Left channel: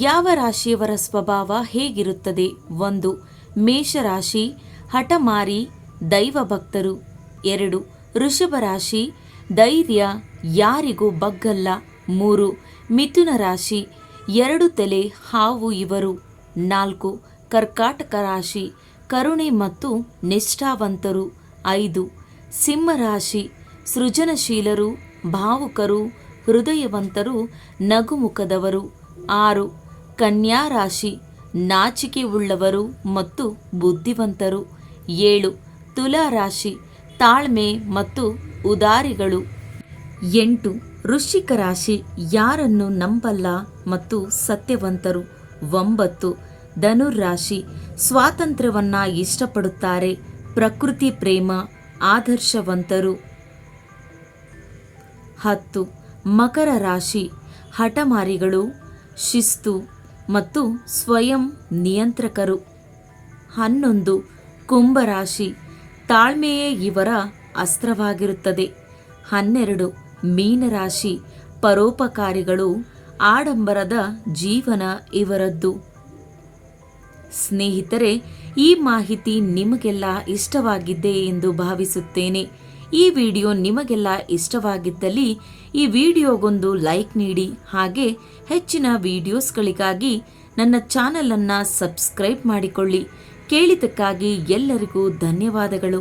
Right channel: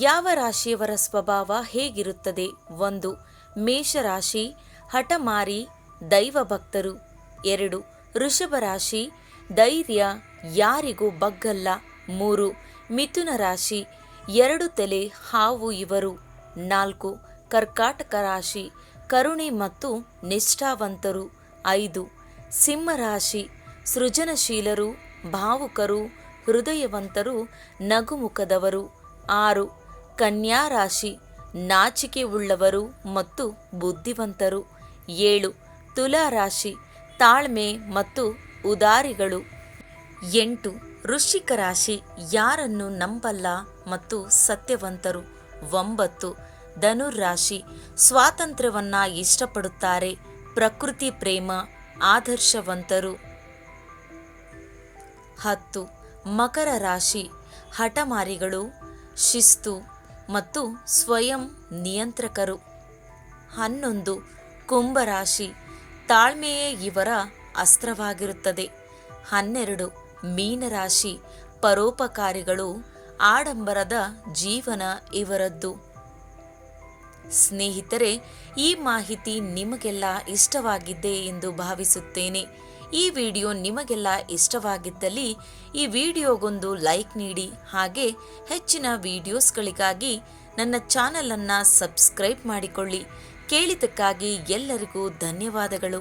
ಯಾವ ರಾಶಿಯವರ ಸ್ವಭಾವ ಹೇಗಿರುತ್ತದೆ? 1. ಮೇಷರಾಶಿ, ಹಠಮಾರಿ, ದೈವ ಭಕ್ತರು. 2. ವೃಷಭ ರಾಶಿ, ಧೈರ್ಯ, ಯಾರಿಗೂ ಬಗ್ಗಲ್ಲ. 3. ಮಿಥುನ ರಾಶಿ, 2 ತಲೆ ಹಾವು ಇವರು. 4. ಕರ್ಕಾಟಕ ರಾಶಿ, ಕರುಣೆ ಮತ್ತು ನಿಷ್ಠಾವಂತರು. 5. ಸಿಂಹರಾಶಿ, ಸೃಜನಶೀಲರು, ಭಾವುಕರು, ಹೃದಯವಂತರು, ನಗುಮುಖದವರು. 6. ಕನ್ಯಾ ರಾಶಿ, ನಾಚಿಕೆ ಉಳ್ಳವರು ಮತ್ತು ಬುದ್ಧಿವಂತರು. 7. ತುಲಾ ರಾಶಿ, ತಾಳ್ಮೆ ಮತ್ತು ಉದಾರಿಗಳು. 8. ವೃಶ್ಚಿಕ ರಾಶಿ, ಯಾರನ್ನು ನಂಬಲ್ಲ ಮತ್ತು ಸತ್ಯವಂತರು. 9. ಧನುರಾಶಿ, ಸ್ವಾತಂತ್ರ್ಯವನ್ನ ಇಷ್ಟಪಡುತ್ತಾರೆ, ಪ್ರಕೃತಿ ಪ್ರೇಮ, ಆದರ್ಶವಂತರು. 10. ಮಕರ ರಾಶಿ, ಹಠಮಾರಿಗಳು, ಶಿಸ್ತು ಮತ್ತು ಸ್ವಯಂ ನಿಯಂತ್ರಕರು. 11. ಕುಂಭರಾಶಿ, ತಾಳ್ಮೆಯೇ ಇವರ ಅಸ್ತ್ರವಾಗಿರುತ್ತದೆ. 12. ಮೀನರಾಶಿ, ಪರೋಪಕಾರಿಗಳು, ಆಡಂಬರದ ಜೀವನ ಇವರದ್ದು. ಸ್ನೇಹಿತರೆ, ಈ ಮಾಹಿತಿ ನಿಮಗೆಲ್ಲ ಇಷ್ಟವಾಗಿದ್ದೆ ಎಂದು ಭಾವಿಸುತ್ತೇನೆ. ಈ ವಿಡಿಯೋ ನಿಮಗೆಲ್ಲ ಇಷ್ಟವಾಗಿದ್ದಲ್ಲಿ ಈ ವಿಡಿಯೋಗೊಂದು ಲೈಕ್ ನೀಡಿ, ಹಾಗೆ ಹೆಚ್ಚಿನ ವಿಡಿಯೋಸ್ಗಳಿಗಾಗಿ ನನ್ನ ಚಾನಲನ್ನು ಸಬ್ಸ್ಕ್ರೈಬ್ ಮಾಡಿಕೊಳ್ಳಿ. ಕೇಳಿದ್ದಕ್ಕಾಗಿ ಎಲ್ಲರಿಗೂ ಧನ್ಯವಾದಗಳು.